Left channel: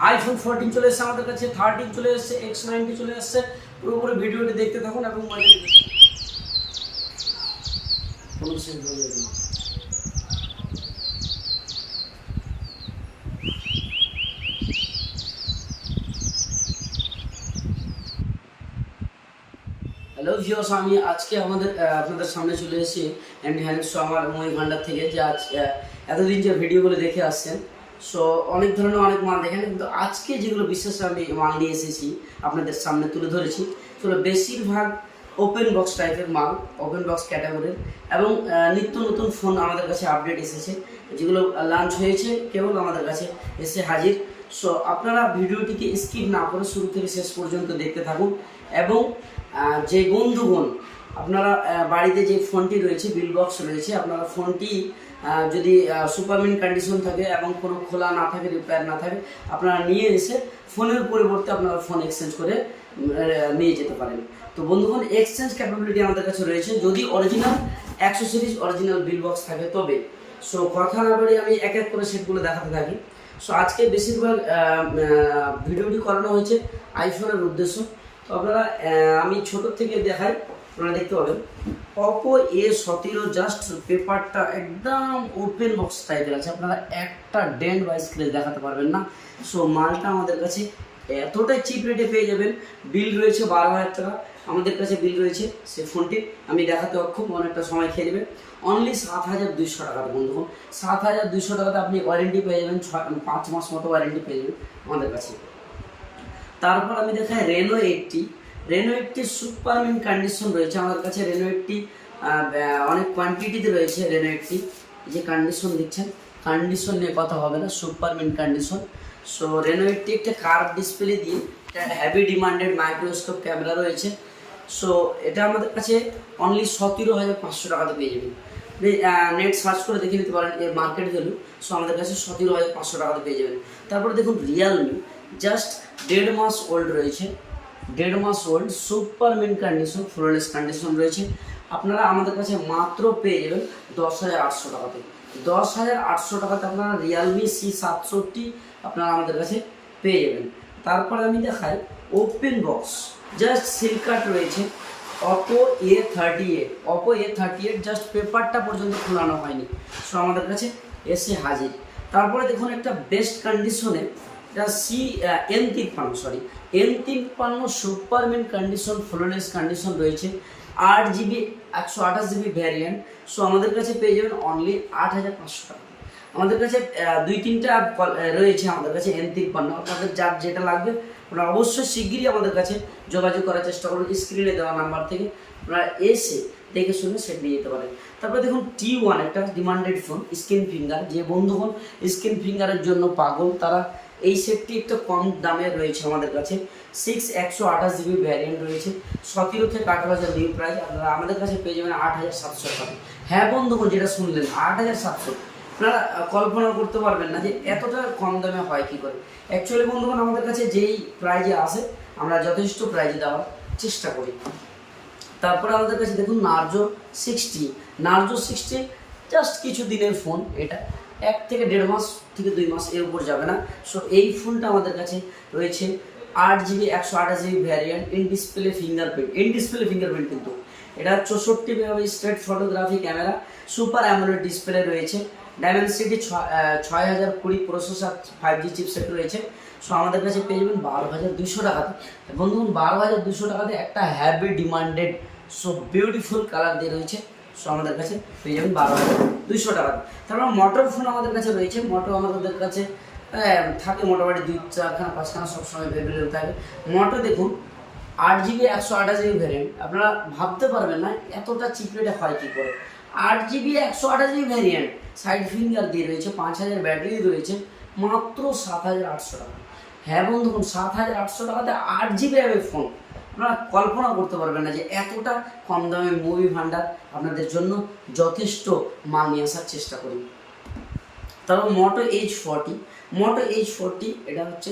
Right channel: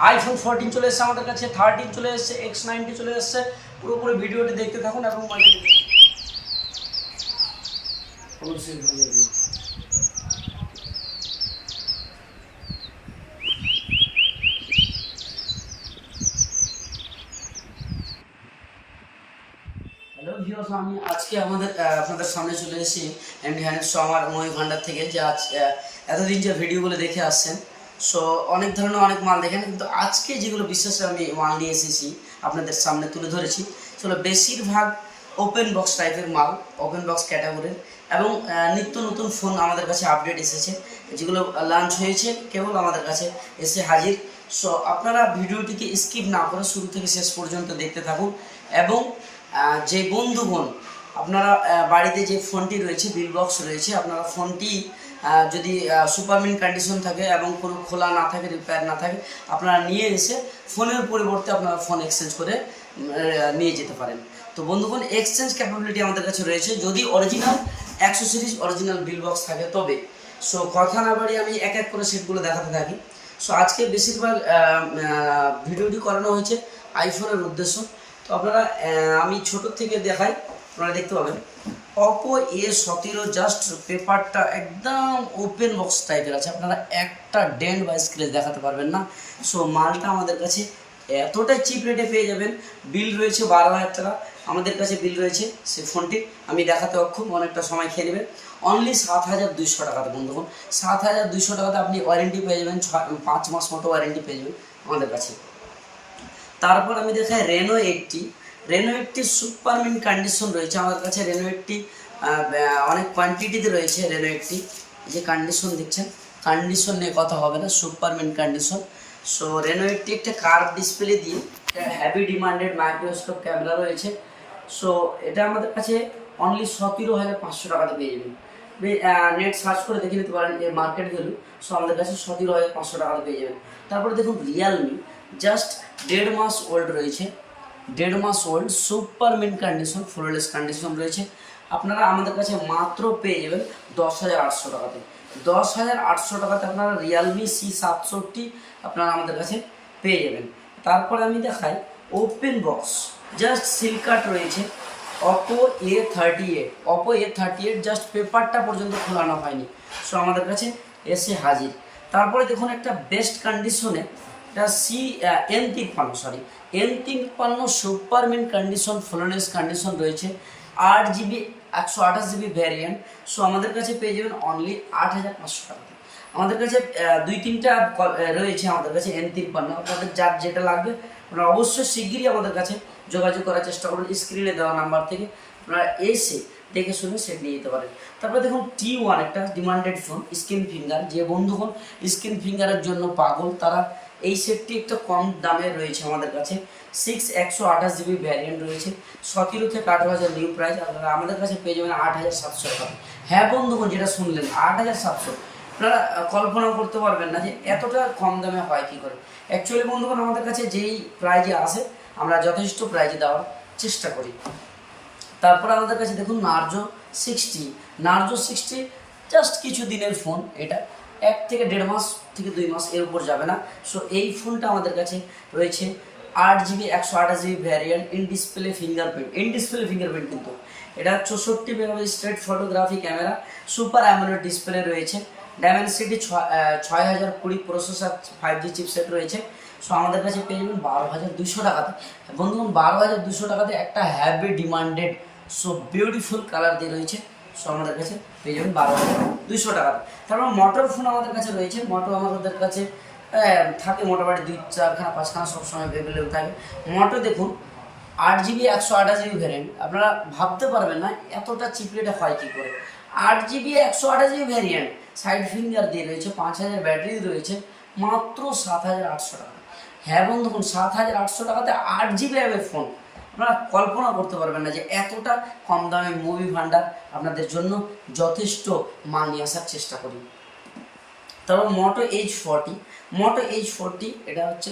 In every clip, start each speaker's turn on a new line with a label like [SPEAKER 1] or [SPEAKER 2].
[SPEAKER 1] IPhone fourteen চলে এসেছে আমাদের কাছে থার্টিন চলে এসেছে এক্স নাইনটি চলে এসেছে। পুরোপুরি ভিডিওটি দেখতে থাকুন এবং মজা। হ্যালো ভিওস আমি আজকে আমাদের আপনাদের সামনে চলে এসেছি। অ্যান্ড হ্যান্ড শো আমার মহি ভান্ডার থেকে যে আজ এতদিন যে ভিডিওগুলো দেখে আসছেন সো অনেক ধরনের অনেক মাল দেখেন, কিন্তু আজকে যেগুলো বিশেষ আমি মাল নিয়ে এসেছি, আপনাদের সামনে তুলে ধরেছি, সেগুলো বেশিরভাগ ওপেন বক্স টাইপের মাল ওপেন বক্স ক্যাটাগরির এবং নিত্য নতুন ফোন আমাদের কাছে আপডেট এসেছে, যেগুলো লঞ্চ হয়েছে, কেবল আমাদের কাছে এসে হাজির। সো আপনারা ভিডিওটিকে স্কিপ না করে শুরু থেকে শেষ পর্যন্ত দেখতে থাকুন। এবং যে বন্ধুগণ আপনারা বাড়িতে যে ফোনটি রয়েছে, বিল বক্স রয়েছে, আপনারা ফোনটি যদি সুপারমিন কন্ডিশন থাকে এবং কোনো খোলা না থাকে রিপেয়ার না থাকে, আপনারা নিয়ে এসে ফোনের পরিবর্তে আপনারা ফোন এক্সচেঞ্জ করে নিয়ে যেতে পারেন। তো বন্ধুগণ এক্সচেঞ্জ ক্যাপাবিলিটি আমাদের কাছে রয়েছে। যদি অরিজিনাল একশো সিরিজ অরিজিনাল বিল বক্স থাকে, তবে। সো কথা না বাড়ি আমি এক এক করে সিটগুলো দেখাতে থাকি। সো আজকে বেশিরভাগ ভিডিওটি করানো হয়েছে আইফোনের উদ্দেশ্য। তো আপনারা আমি ছোটোর থেকে দেখাই। আপনারা দেখতে পাবেন অপো এ সতেরো জাস্ট পেপারটা একদম ওপেন বক্স টাইপের আছে। আপনারা একটা ডেন্ট বা স্ক্রেচ দেখাতে পারবেন না। সো মালটা আমাদের কাছে এতটাই চিপ রেটে পেয়ে যাবেন। বিল রয়েছে বারো হাজার টাকা। আমাদের কাছে বিল রয়েছে সে ফোনটি আমি দেখাতে অক্ষম, অনেকটা সময় খেয়ে নেবে। অনলি সাত হাজার দুইশো টাকাতে বন্ধুগণ সাত হাজার দুইশো টাকাতে আপনি ওয়ারেন্টি পেয়ে যাবেন। পাঁচ মাস মতো ওয়ারেন্টি পেয়ে যাবেন আমাদের কাছে। তারপর আমি দেখাই Reno eighty Reno eighty super mint condition রয়েছে আমার কাছে। রেনো এইটটি অনেক কোয়ান্টিটিতে রয়েছে রেনো এইটটি যে কন্ডিশন দেখছেন কন্ডিশন নিয়ে কথা হবে না super mint condition so Reno eighty একটা কার্ভ ডিসপ্লে দিয়ে হ্যাভি ডিমান্ডেড মাইক্রোস্কোপ ক্যামেরা রয়েছে। সো এটা আমাদের কাছে অনলি সতেরো হাজার পাঁচশো টাকাতে পেয়ে যাবেন। নেট সার্চ করে দেখে নিতে পারেন এর মার্কেট ভ্যালু সো আমাদের কাছে সতেরো হাজার পাঁচশো টাকাতে পেয়ে যাবেন। তারপরে দেখুন রিয়ালমি জাস্ট দেড় মাস ওল্ড রয়েছে। দেড় মাস old super mint condition flawless condition রয়েছে। আপনারা আমাদের কাছে মাত্র পেয়ে যাবেন দশ হাজার আটশো টাকাতে। দশ হাজার আটশো টাকাতে আপনারা রিয়ালমি সি সাতষট্টি আপনারা আমাদের কাছে পেয়ে যাবেন। তারপরে আমি দেখাই open box just seal cut রয়েছে। Oppo A thirty eight Oppo A thirty eight just পেপারটা পর্যন্ত খোলানো হয়নি। সো আমাদের কাছে এসে হাজির। তারপরে দেখুন একটা বেস্ট কন্ডিশনে এটা সি এন তিপ্পান্ন সরি এন তিপ্পান্ন সুপারমিন কন্ডিশন ফ্লোলেস কন্ডিশন রয়েছে। আট জিবি একশো আঠাশ জিবি ভ্যারিয়েন্ট সো আমাদের কাছে পেয়ে যাবেন অনলি আট হাজার পাঁচশো টাকা। আমাদের কাছে দুই তিনটা রয়েছে আমাদের কাছে এন তিপ্পান্ন আপনাদের যার যেটা লাগবে, আপনারা অবশ্যই শিগগিরই আমাদের কাছে যোগাযোগ করার চেষ্টা করুন স্ক্রিনে দেওয়া নাম্বার থেকে। আপনারা এসে দেখে শুনে সেট নিয়ে যেতে পারেন। তারপরে দেখুন টি ওয়ান একটা ডিমান্ডেড ফোন স্ক্রিন ফিঙ্গার যে বন্ধুগণ স্ক্রিন ফিঙ্গারের জন্য পাগল, তারা এই সেটটি একটু কম দামে রয়েছে আমাদের কাছে। সিক্স একশো আঠাশ জিবি ভ্যারিয়েন্ট রয়েছে। সতেরো থেকে আঠারো হাজার নিউ প্রাইস আপনারা আমাদের কাছে পেয়ে যাবেন আট হাজার সাতশো টাকা। হ্যাঁ বন্ধুগণ, যেটা শুনলেন, আট হাজার সাতশো। আপনারা কল্পনাও করতে পারবেন না যে এতটা কম দামে হয় কি করে। অ্যাকচুয়ালি বন্ধুগণ, আমাদের কাছে যেই প্রাইজে আসে আমরা যথেষ্ট প্রাইজে দেওয়ার চেষ্টা করি। তারপর আমাদের কাছে দেখুন Narzo sixty Narzo sixty just কিছু দিনের ফোন এটা। এক থেকে দেড় মাস থেকে দুই মাস এর উপর যাবে না। সো এই ফোনটা আমাদের কাছে রয়েছে আট জিবি, একশো আঠাশ GB variant in display fingerprint in display fingerprint কিন্তু। এটা চৌষট্টি megapixel straight photography camera super AMOLED display রয়েছে। ডায়মেনসিটি ছয় হাজার কুড়ি প্রসেসর ফাইভ জি চিপসেট রয়েছে। সো আমাদের কাছে পেয়ে যাবেন বারো হাজার দুশো টাকাতে। বন্ধুগণ, বারো হাজার দুশো টাকাতে একটা heavy demanded so beautiful colour দিয়ে রয়েছে। সো আমাদের কাছে পেয়ে যাবেন বারো দুইশো টাকাতে তারপর মোটর ফোন আমাদের কাছে রয়েছে মোটো আমাদের কাছে থাকে মোটামুটি দুই চারখানা পাঁচখানা সবসময় অ্যাভেলেবেল থাকে। মোটো দেখুন, আট জিবি একশো আঠাশ জিবি ভ্যারিয়েন্ট আপনারা ভাবতে পারবেন না এতটা চিপ রেটে হয় কী করে। আট জিবি একশো আঠাশ জিবি ভ্যারিয়েন্ট সাইড ফিঙ্গার দিয়ে রয়েছে, পাঁচ হাজার ব্যাটারি রয়েছে, মাত্র সাত হাজার আটশো টাকা। হ্যাঁ বন্ধুগণ সাত হাজার আটশো টাকাতে আট জিবি অ্যাবে ফোন আপনারা কল্পনা করতে পারবেন না যে এতটা কম দামে মুভি ভান্ডার আপনাদের জন্য যথেষ্ট মাল নিয়ে আসার চেষ্টা করি। তারপর Moto H forty Moto H forty এটা হচ্ছে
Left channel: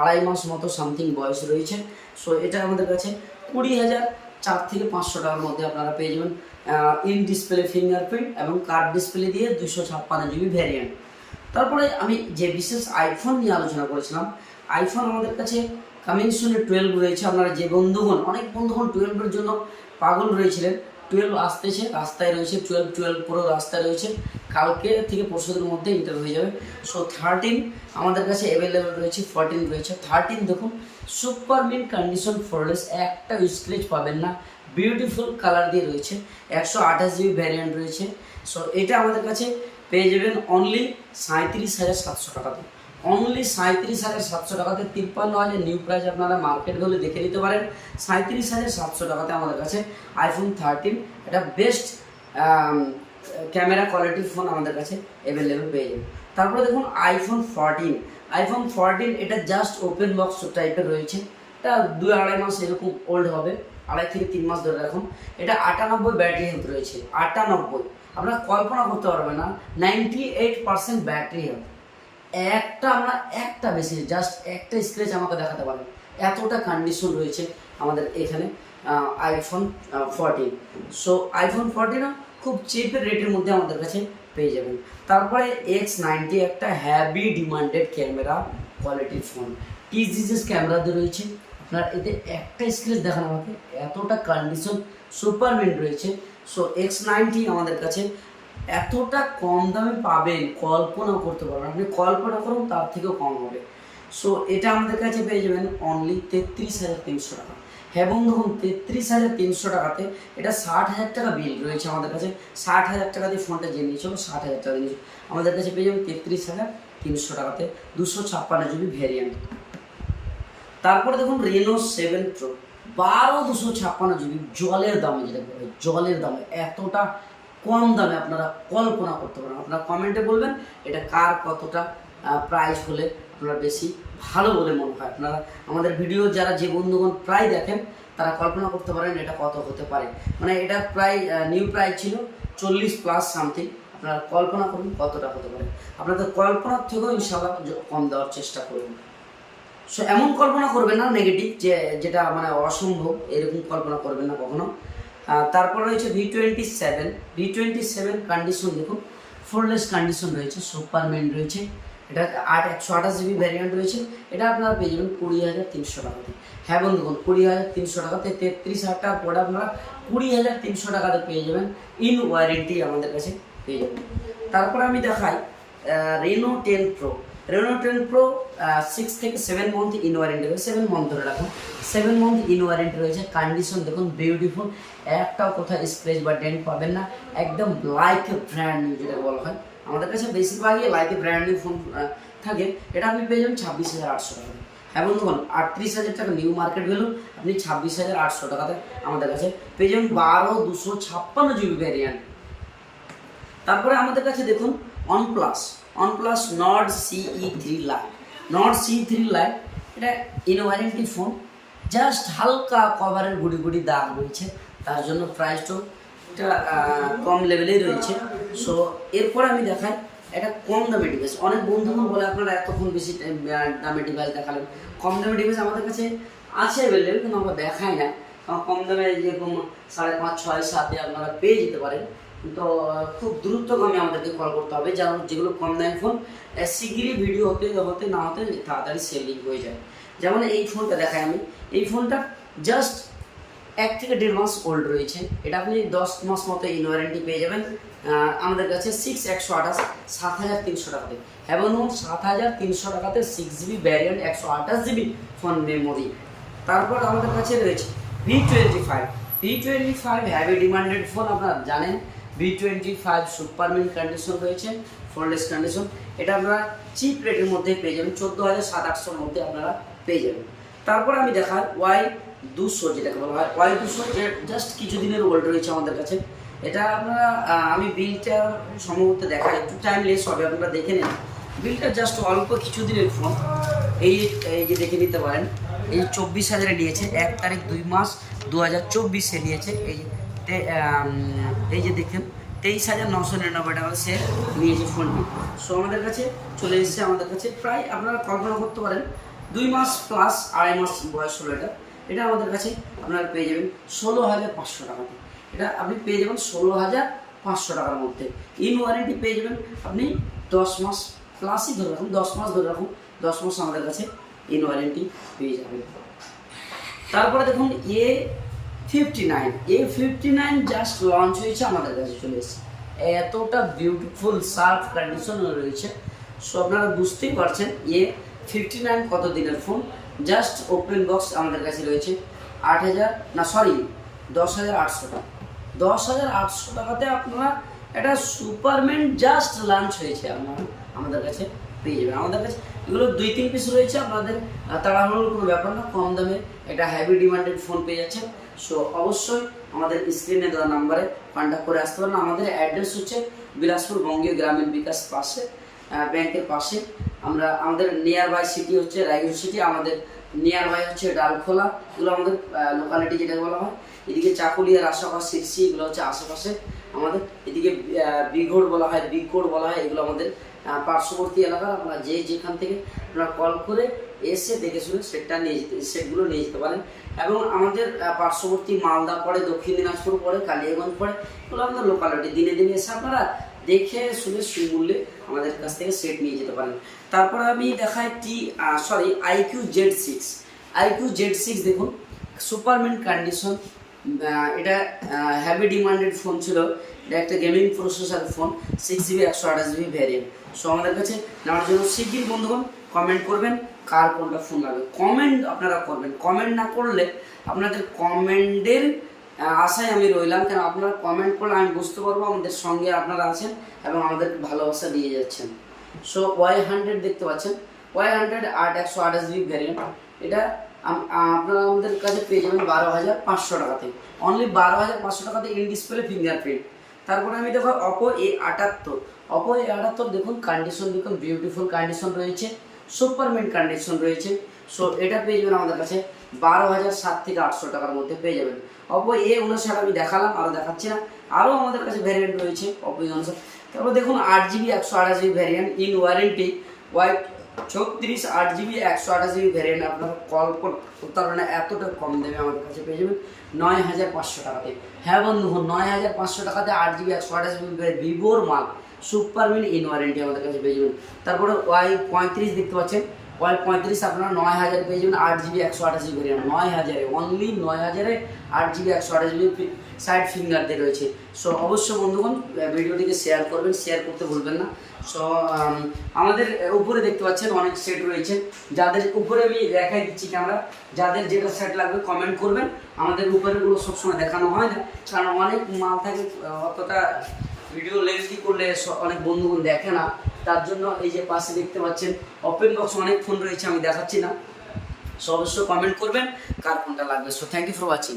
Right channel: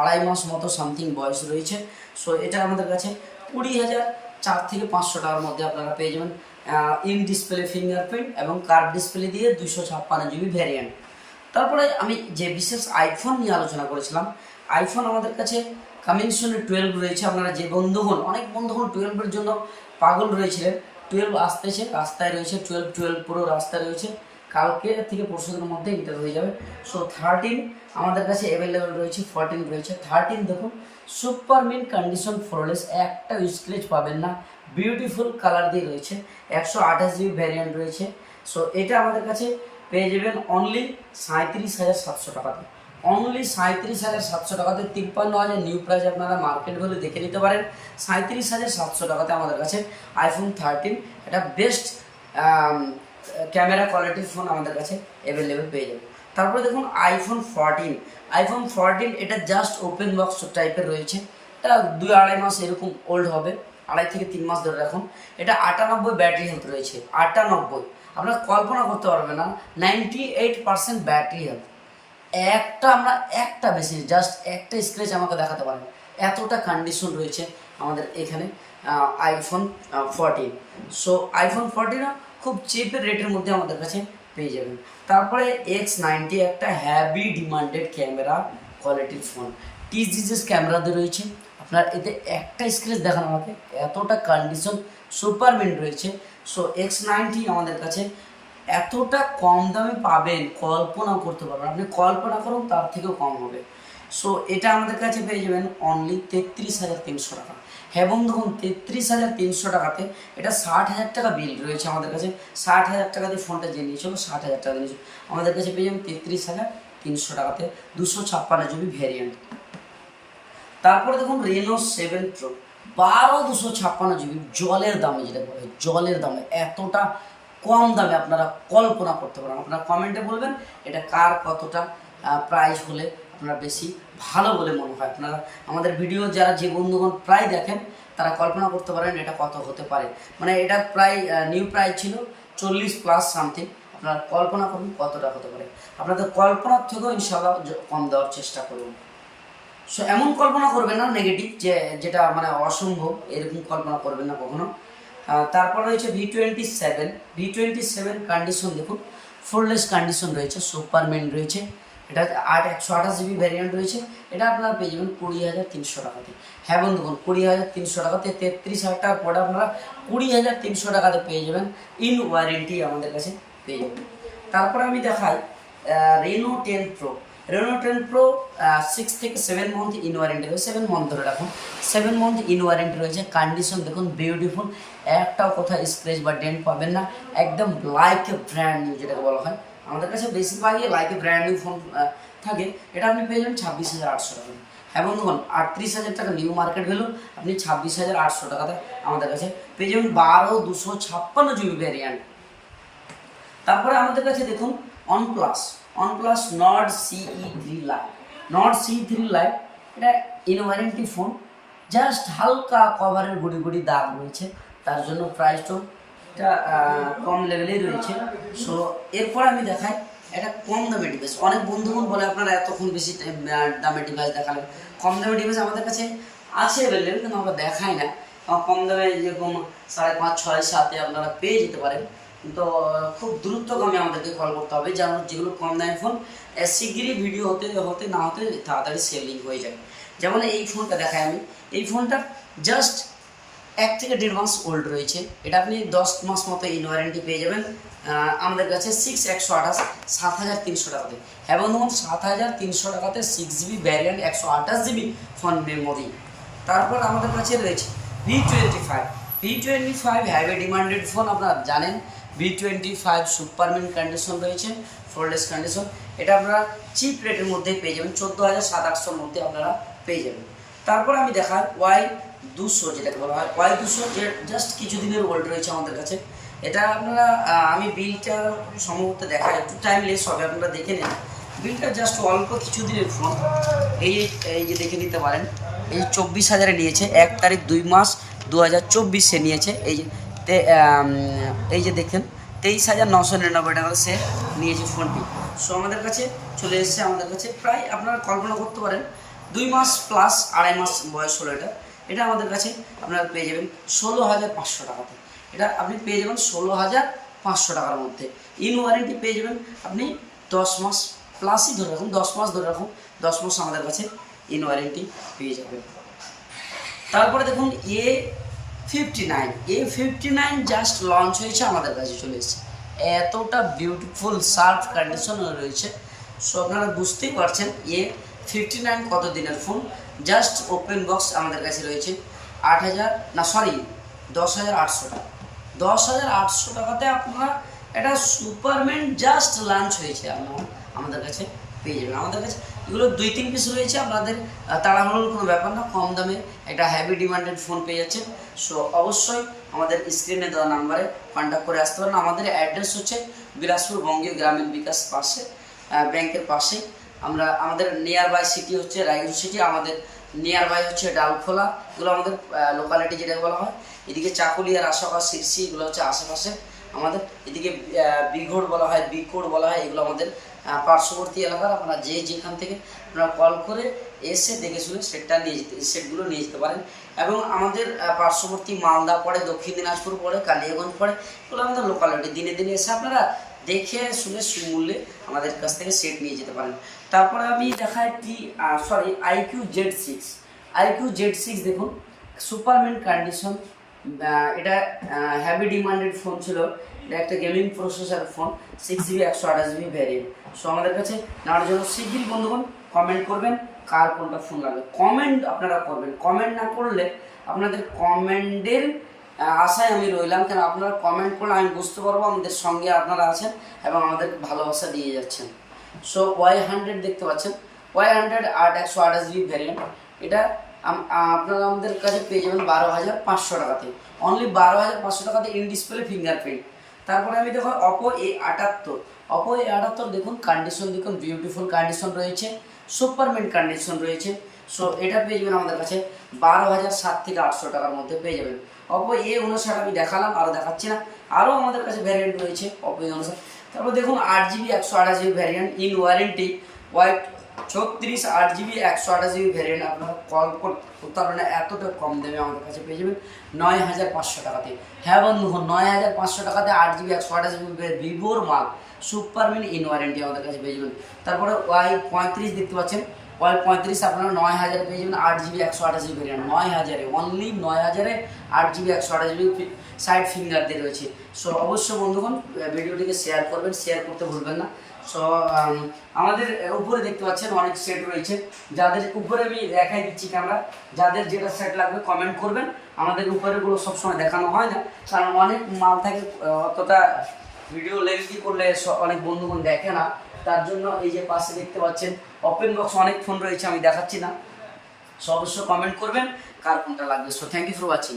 [SPEAKER 1] আড়াই মাস মতো সামথিং বয়স রয়েছে। সো এটা আমাদের কাছে কুড়ি হাজার চার থেকে পাঁচশো টাকার মধ্যে আপনারা পেয়ে যাবেন ইন ডিসপ্লে ফিঙ্গারপ্রিন্ট এবং কার্ড ডিসপ্লে দিয়ে দুশো ছাপ্পান্ন জিবি ভ্যারিয়েন্ট তারপরে আমি যে বিশেষ আইফোন নিয়ে আলোচনা করেছিলাম আইফোন আমাদের কাছে কামিংসনের টুয়েলভ রয়েছে, আপনারা যে বন্ধুগণ অনেক বন্ধুগণ টুয়েলভের জন্য পাগল রয়েছিলেন। টুয়েলভ আসতেছে, রাস্তায় রয়েছে টুয়েলভ টুয়েলভ পুরো রাস্তায় রয়েছে। কালকে থেকে পরশুদের মধ্যে ইন্টার হয়ে যাবে। সো থার্টিন আমাদের কাছে অ্যাভেলেবেল রয়েছে ফোরটিন রয়েছে। থার্টিন দেখুন সুপার মিন কন্ডিশন ফোরলেস একটা স্ক্রেচ পাবেন না। বিউটিফুল কালার দিয়ে রয়েছে, একশো আঠাশ জিবি ভ্যারিয়েন্ট রয়েছে। সো এটা আমাদের কাছে পেয়ে যাবেন অনলি সাঁত্রিশ হাজার সাতশো টাকাতে অনলি সাঁত্রিশ হাজার সাতশো টাকাতে তিপ্পান্ন হাজার নিউ প্রাইস আপনারা মার্কেট ভ্যালু দেখে নিতে পারেন। সাঁত্রিশ হাজার সাতশো টাকাতে আমাদের কাছে আইফোন থার্টিন এটা বেস্ট ক্যামেরা কোয়ালিটির ফোন আমাদের কাছে অ্যাভেলেবেল পেয়ে যাবে তারপরে দেখুন আইফোন ফোরটিন আইফোন ফোরটিন এটা জাস্ট ওপেন বক্স টাইপের রয়েছে। এটা দুই আড়াই মাস এরকম ওল্ড হবে। আড়াই থেকে তিন মাস ধরে রাখুন। এটা আটানব্বই ব্যাটারি হেলথ রয়েছে। আটানব্বই। আপনারা কল্পনা করতে পারবেন না ninety eight percent battery health একটা আমরা একটা বেশি জাস্ট একটা স্ক্রেচ আমাকে দেখাতে পারেন। এতটা কন্ডিশন রয়েছে আমাদের এখানে আইফোন ফোরটিন সো আইফোন ফোরটিনও খুব চিপের রেটের মধ্যে আমাদের কাছে পেয়ে যাবেন। তারপরে এক্স নাইনটি একটা হ্যাভি ডিমান্ডেড ক্যামেরা কোয়ালিটির ফোন টিজিএস ক্যামেরাতে রয়েছে। আপনার এতে একটা স্ক্রেচ দেখান আমাকে, এতটা কন্ডিশন সুপার মিন্ট রয়েছে। সো এক্স নাইনটি আমাদের কাছে এতটা কম দামে পাবেন কল্পনা করতে পারবেন আপনি কল্পনা করুন, তার থেকেও কম হবে। সো এটা আমাদের কাছে পেয়ে যাবেন অনলি তেত্রিশ হাজার তিনশো টাকা। হ্যাঁ দেখুন, তেত্রিশ হাজার তিনশো টাকাতে এটা ষাট হাজার টাকা বিল রয়েছে আমাদের কাছে। ষাট হাজার টাকা দিয়ে ফোনটা যে নিয়েছিল ষাট হাজার টাকা দিয়ে নিয়েছিল আমাদের কাছে পেয়ে যাবেন তেত্রিশ হাজার তিনশো টাকাতে দুশো ছাপ্পান্ন জিবি ভ্যারিয়েন্ট তারপরে দেখুন রেনো সেভেন প্রো বারো দুশো ছাপ্পান্ন জিবি জলের দামে যেটা বলে, জলের দামে এতটা কম দামে আপনারা কল্পনা করতে পারেন। আপনারা কমেন্টে বলবেন, এটা কার কতটা প্রাইস হলে আপনারা বেশি ভালো বলে মনে হয়। আপনারা আমাদের ভিডিও যারা যে বন্ধুগণ প্রায় দেখেন, তারা কল্পনা করতে পারেন এটা কত হতে পারে। মানে এটা প্রায় নিউ প্রাইস ছিল চল্লিশ প্লাস সামথিং আপনারা কল্পনা করুন কতটা হতে পারে। আপনাদের কল্পনার থেকেও ইনশাল্লাহ কম দেওয়ার চেষ্টা করুন। সো এমন কল্পনা করবেন না নেগেটিভ যে, যেটা মানে অসম্ভব, এরকম কল্পনা করবেন না কখনো। তারপর রয়েছে V twenty seven V twenty seven condition দেখুন ফোরলেস কন্ডিশন রয়েছে সুপারমেন রয়েছে, এটা আট, একশো আঠাশ জিবি ভ্যারিয়েন্ট রয়েছে, এটা আপনারা পেয়ে যাবেন কুড়ি হাজার তিনশো টাকাতে। হ্যাঁ বন্ধুগণ কুড়ি হাজার তিনশো টাকাতে, তেত্রিশ হাজার টাকা পরে আপনারা কুড়ি হাজার তিনশো টাকাতে পেয়ে যাবেন ইন ওয়ারেন্টি আমাদের কাছে পেয়ে যাবেন। তারপরে আমি দেখাই Reno ten pro Reno ten pro six থেকে সেভেন মান্থ ইন ওয়ারেন্টি রয়েছে সেভেন মান্থ ধরে রাখুন। সেভেন মান্থ ইন ওয়ারেন্টি রয়েছে কন্ডিশন দেখুন বিউটিফুল একটাও কোথাও স্ক্রেচ বা ডেন্ট পাবেন না, একদম লাইক ব্র্যান্ড নিউ যেটাকে বলা হয়। আমাদের কাছে বেশিরভাগই লাইক ব্র্যান্ড নিউ ফোন থাকে। এটা আপনি পেয়ে যাবেন ছাব্বিশ হাজার আটশো টাকা। দিয়ে। হ্যাঁ বন্ধুগণ আটত্রিশ হাজার টাকা নিউ মার্কেট ভ্যালু আপনি ছাব্বিশ হাজার আটশো টাকাতে আমাদের কাছে পেয়ে যাবেন বারো দুশো ছাপ্পান্ন জিবি ভ্যারিয়ান্ট তারপরে আমাদের কাছে দেখুন, OnePlus OnePlus Nord CE three lite Nord C three lite এটা ইনওয়ারেন্টি ফোন জাস্ট হালকা কভারের গুড়ি গুড়ি দাগ রয়েছে, তার জন্য প্রাইসটাও এটা কম লেভেলেই রয়েছে। সো এরপরে আমি দেখাই একটা কম দামের ডিভাইস অনেক বন্ধুগণ বলে আপনারা এতক্ষণ বেশি দামের ডিভাইস দেখালেন। কম দামের ডিভাইস আমাদের কাছে আছে অ্যাভেলেবেল কিন্তু আমরা দেখাই না। কম দামে যেরকম সাড়ে পাঁচ, ছয়, সাতে আপনারা পেয়ে যেতে পারেন। তো খুব দ্রুতগামী আমাদেরকে কল করতে হবে। যেন যেগুলো কম দামি ফোন শিগগিরই ভিডিও হতে হতে না হতে তাড়াতাড়ি সেলিং হয়ে যায় যেমন এই ফোনটা দেখাই আমি। এই ফোনটা জাস্ট এক থেকে দেড় মাস ওল্ড রয়েছে। এটা আপনি দশ মাস মতো ইন ওয়ারেন্টি পেয়ে যাবেন। আমাদের কাছে সিক্স একশো আঠাশ, সাত হাজার তিনশো টাকাতে। হ্যাঁ বন্ধুগণ সাত হাজার তিনশো টাকাতে সিক্স জিবি ভ্যারিয়েন্ট একশো আঠাশ জিবি ফোন মেমোরি তারপর আমাদের কাছে রয়েছে V twenty five V twenty five heavy demanded phone আপনারা জানেন। V twenty five super mint condition রয়েছে ফোরলেস কন্ডিশন এটা আপনারা চিপ রেটের মধ্যে পেয়ে যাবেন চোদ্দ হাজার সাত আটশোর মধ্যে আপনারা পেয়ে যাবেন। তারপর আমি দেখাই ওয়াই দুশো, যেটাকে বলা হয়। ওয়াই দুশো জাস্ট কিছুদিনের ওল্ড রয়েছে আমাদের কাছে। এটা আপনারা আমি বিলটা সম্ভবত দেখাই। একটু টাইম লেস হবে, আপনারা দেখে নিন। বিলটা জাস্ট অল্প কিছুদিনের ফোন এই এই যে দেখে নিতে পারেন, এই চব্বিশ হাজারে নিয়েছে, এক তারিখ দুই মাস দু হাজার চব্বিশে নিয়েছে। এই যে এই যে দেখেন, তেইশ হাজার নশো নিরানব্বই টাকা সে নিয়েছে ফোনটি। সো আমাদের কাছে চলে এসেছে, আমাদের কাছে প্রায় আপনারা কল্পনা করতে পারেন, দুই মাস প্লাস আড়াই মাস বয়স হলো এটা। এটা আমাদের কাছে আপনারা পেয়ে যাবেন ষোলো হাজার পাঁচশো টাকাতে। এটা আপনি পেয়ে যাবেন ষোলো হাজার পাঁচশো টাকার মধ্যে। ইন ওয়ারেন্টি পেয়ে যাবেন আপনি দশ মাস প্লাসই ধরে রাখুন, দশ মাস ধরে রাখুন, দশ মাস আমাদের কাছে ইন ওয়ারেন্টি পেয়ে যাবেন। তারপরে দেখুন, A fifty nine A fifty nine just launch হয়েছে, আমাদের কাছে চলে এসেছে। এতটা বিউটিফুল সার্ফ কন্ডিশন রয়েছে। সো আপনারা বুঝতেই পারছেন, এ ফিফটি নাইন কত দিনের ফোন জাস্ট ওপেন বক্স আমাদের কাছে রয়েছে। আট হাজার, না সরি দশ হাজার আটশো টাকা। দশ হাজার আটশো টাকাতে আপনারা একটা সুপারম্যান জাস্ট লঞ্চ হয়েছে আপনারা, আমাদের কাছে পেয়ে যাবেন। আমাদের কাছে এগুলো দুই, তিন পিস রয়েছে, আপনাদের তাড়াহুড়োর কোনো ব্যাপার না, কম দামে একটা হ্যাভি ডিমান্ডেড ফোন পেয়ে যাচ্ছেন। সো অবশ্যই আমাদের স্ক্রিনে দেওয়া নাম্বারে কন্ট্যাক্ট করে আসতে পারেন। আমাদের অ্যাড্রেস হচ্ছে বিলাসপুর বঙ্গীয় গ্রামীণ বিকাশ পাশে ব্যাংকের পাশেই। আমরা, আমাদের নিয়ার বাই সিটি হচ্ছে রায়গঞ্জ সিটি আমাদের নিয়ার বাই হচ্ছে ডালখোলা। এগুলো আমাদের লোকালিটি যেটা বলা হয়। এদিকে চাকুলিয়ার আশাপাশ শিরসি এগুলো হচ্ছে আশেপাশে। আমাদের এদিকে বিঘোড় বলা হয়, বিঘোড় বলা হয়, এগুলো আমাদের পার্শ্ববর্তী এলাকার আপনারা যে যেখান থেকে আপনারা কল করে এসে দেখে শুনে সেটটা নিয়ে যেতে সেটগুলো নিয়ে যেতে পারেন। এবং আমাদের পার্শ্ববর্তী মালদা পড়ে, দক্ষিণ দিনাজপুর পড়ে, কালিয়াগঞ্জ পড়ে, এগুলো আমাদের লোকালিটি দিনে দিনে এসে আপনারা দেখে শুনে সুমূল্যে আমাদের কাছ থেকে সেট নিয়ে যেতে পারেন। তারপরে আমি দেখাই টি sorry iQOO Z six iQOO Z six দেখুন সুপারমেন্ট কন্ডিশন এটা হ্যাভি ডিমান্ডেড ফোন ছিল। একটা gaming processor phone six GB একশো আঠাশ জিবি ভ্যারিয়েন্ট সো আমাদের কাছে নেওয়ার জন্য শিগগিরই বন্ধুগণ কমেন্ট করবেন, কার কোনটা ফোন লাগবে। কমেন্ট আপনারা করবেন। কমেন্ট না করলে আপনাদের কমেন্টের আশায় আমি রইলাম। কেন আপনারা কমেন্ট করলে আমি বুঝতে পারব আমাদের সঙ্গে আপনারা আছেন এবং আমাদের ভালোবাসা দিয়ে যাচ্ছেন। সো ওয়াই হান্ড্রেড দেখতে পাচ্ছেন। ওয়াই হান্ড্রেড আট একশো আঠাশ জিবি ভ্যারিয়েন্ট এটা আপনারা আমাদের কাছে পেয়ে যাবেন বারো হাজার পাঁচশো টাকাতে। অনলি বারো হাজার পাঁচশো টাকাতে ইন ডিসপ্লে ফিঙ্গারপ্রিন্ট তারপরে আমি দেখো অপো এ আটাত্তর। অপো এ আটাত্তর দেখুন কন্ডিশন দেখুন বিউটিফুল কন্ডিশন রয়েছে সুপারমেন্ট কন্ডিশন রয়েছে। সো এটা পেয়ে যাবেন আমাদের কাছে বারো হাজার সাত থেকে আটশো টাকার মধ্যে পেয়ে যাবেন। অপো এ উনষাট আমি দেখালাম আরও দেখাচ্ছি না। আরও আমাদের কাছে ভ্যারিয়েন্ট রয়েছে অপো এ উনষাট। তারপর দেখুন আট জিবি একশো আঠাশ GB variant in warranty white ছত্রিশ আট জিবি, একশো আঠাশ জিবি ভ্যারিয়েন্ট আপনারা কল করতে না, এতটা কম দামে আমাদের কাছে পেয়ে যাবেন নয় হাজার পাঁচশো টাকাতে। হ্যাঁ বন্ধুগণ নয় হাজার পাঁচশো টাকাতে আট জিবি, একশো আঠাশ জিবি ভিভোর মাল সুপারমিন ইন ওয়ারেন্টি আমাদের কাছে পেয়ে যাবেন। তারপরে ওয়াই পঁয়ত্রিশ দেখতে পাচ্ছেন, ওয়াই পঁয়ত্রিশ আপনারা নয় হাজারে পেয়ে যাবেন আট জিবি, একশো আঠাশ জিবি ভ্যারিয়েন্ট নয় হাজারে অনলি নয় হাজারে আট জিবি, একশো আঠাশ জিবি সাইড ফিঙ্গার দিয়ে রয়েছে। সো অবশ্যই বন্ধুগণ ভিডিওটিকে শেয়ার করবেন শেয়ার করতে ভুলবেন না। সো আমাদের উপরে দেখতে পাচ্ছেন অনেক সেট রয়েছে। যাদের উপরে আমি দেখাই দিচ্ছি ক্যামেরা যাদের যেটা সেট লাগবে কমেন্ট করবেন। আমাদের উপরেগুলো সবসময় দেখানো হয় না, কারণ অনেক মাল থাকে অতটা ভিডিও লেন্থি করলে অনেক বন্ধুগণ দেখে না। তার জন্য এই যে পাশে দেখতে পাচ্ছেন ওপেন বক্স অনেক ফোন রয়েছে, আমি দেখাচ্ছি না। সো অবশ্যই কমেন্ট করবেন, কার কোনটা লাগবে। So thank you for watching